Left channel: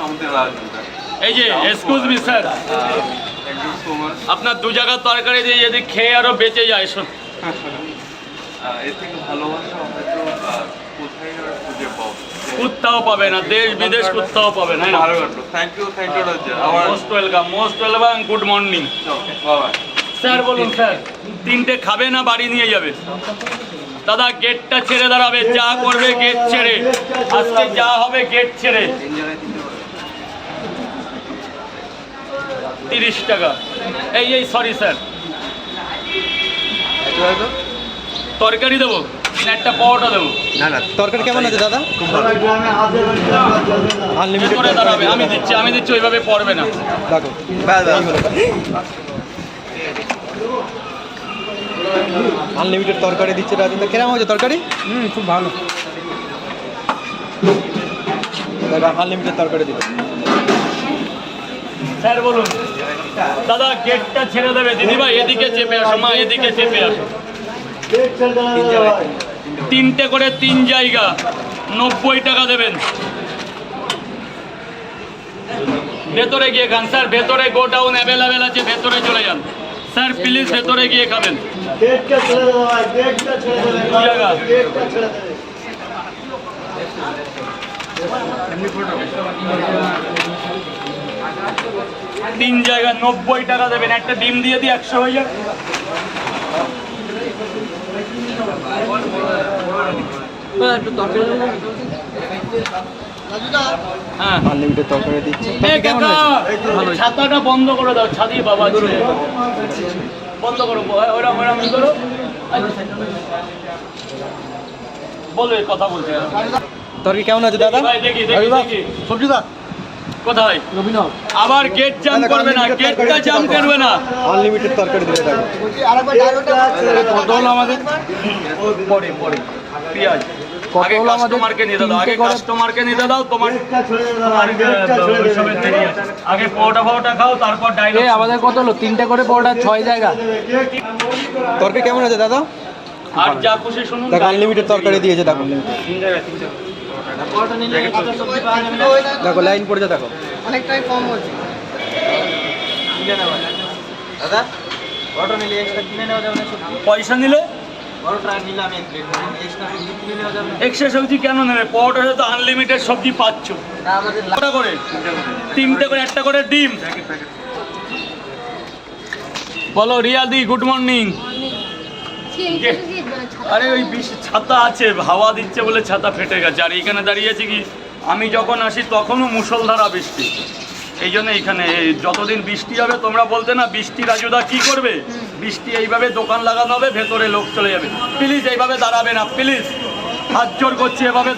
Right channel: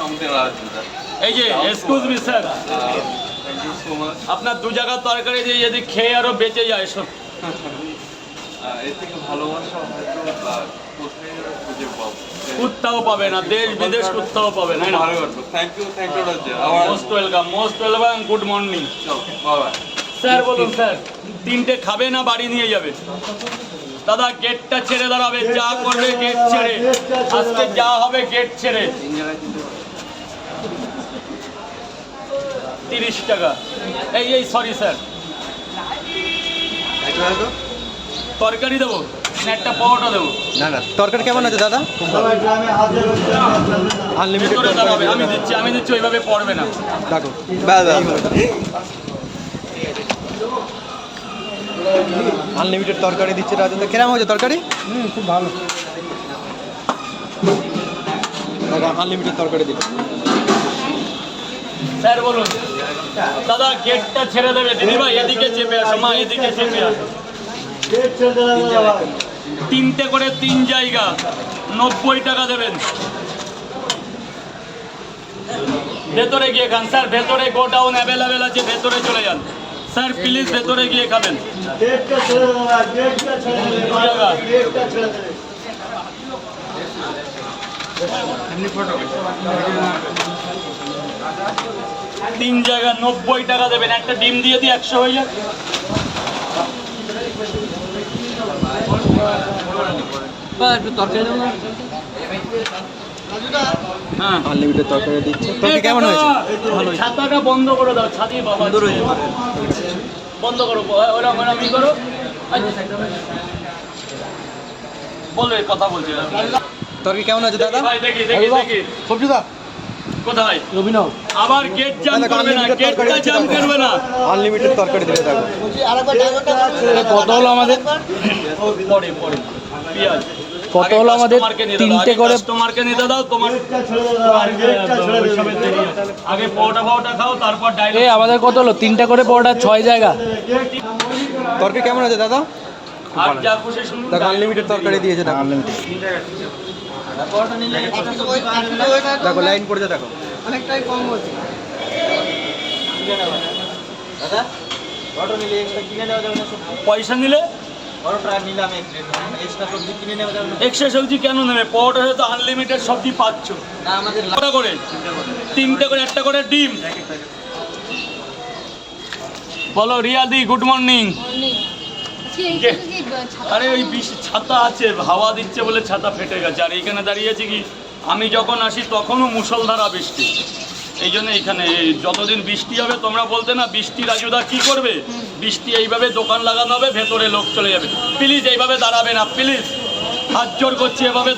এই যে excuse me sir, আপনার দু জায়গার তরকারি দিয়ে যদি খেয়ে আরো বেঁচে যায় এর থেকে ভালোবাসা হয়তো কোথায় আর খুঁজে পাবো। কোথাও পাবে না, দেশ বিদেশ কোথাও পাবে না। Thank you Rajja. Most welcome, good morning. বাবা স্যার বলুন স্যার, তিনটে খাবে না বাড়ি নিয়ে যাবে? দাদা গেটটা ছেড়ে দাঁড়াবে, যা করবে গেট ছেড়ে, আজকে যা হবে গেট ছেড়ে। 30 টাকা। এই সরি স্যার, তরকারি দেবো একটা পাওয়াটা দেবো? না না, তরকারি কেমন আছে দাদা? খুব ভালো, আনলিমিটেড তরকারি। আমি দিচ্ছি ওইভাবে পড়বে না। দেখো এই হলো আনলিমিটেড তরকারি দিচ্ছে রাজা। তো কেমন হয়েছে তরকারি? খুব ভালো। দেখো আনলিমিটেড তরকারি দিচ্ছে। স্যার বলুন। দাদা গেটটা ছেড়ে দেবে। দিদিভাই এদিকে চেপে আসো, মা এদিকে চেপে আসো। তিনটে করে 3 জায়গা, 90 টাকা দেবেন। ভেতরে গিয়ে খান স্যার, ভেতরে গোডাউন অ্যাভেলেবেল আছে, ভেতরে চলে যান স্যার প্লিজ, ভেতরে গিয়ে খাবেন। 3 জায়গা 90 টাকা দেবেন। একটা ডিম দিয়ে দিই, 100 হয়ে যাক। হ্যাঁ আনলিমিটেড তরকারি দিচ্ছে। তরকারি কেমন হয়েছে? ভালো। ছাতাটা বন্ধ করে দাও, ছাতি বাবা বন্ধ করো, ওরকম করো। বলো, কথা বলছি। তরকারি কেমন আছে দাদা? দেখি সবজি দা কোথায়? অভিনব আমার গেট জাম করবে না, গেটটা জাম করবে না। আনলিমিটেড তরকারি দিতে থাকো। পটল আমাদের পরে পেঁয়াজ আগে কাস্টমারকে নিতে দাও, কাস্টমারকে নিতে দাও। তোমার ওইসবের দেরি আছে। আগে পাওয়াটা খাও, তারপর ডাইরেক্ট। আমাদের কত হলো? 3টা করে পরোটা, 6 জায়গা। তরকারি কেমন আছে দাদা? আর যা খুশি শুনুন। দেখো আনলিমিটেড তরকারি দিয়েছে। দেখো দেখো লাইন পড়েছে, দেখো অনেকটাই কম হচ্ছে দাদা। অটো নিলে এক্সট্রা কিনে নেওয়া যাবে না? পয়সা নিলে অটোটা নিলে আমি এক্সট্রা সবজি কিনে নেওয়া যাবে না? এক্সট্রা সবজি কেন নেবে? পাওয়াটা তো আনলিমিটেড সবজি পাচ্ছ। না আমাদের কটা করে? 3টে করে, একটা করে ডিম। বলো রিয়াদি, গুড মর্নিং। আরে ওই ছাতা আছে, হাওয়া দিচ্ছে বলে ছাতা ফেটে গেছে। আর এইখানে দাঁড়িয়েছি কি, আমি যখন আসি তখনও মুষলধারা বৃষ্টি। এই জন্য এইখানে যতদিন বৃষ্টি হবে, তোমরা বলতে না বৃষ্টি রাজুদা কি করবে, বৃষ্টি এইভাবে দোকান লাগানো হবে, ভেতরে লোক চলে যাবে। প্লিজ এইভাবে দাঁড়াবে না, প্লিজ হাত জোর করছি, এভাবে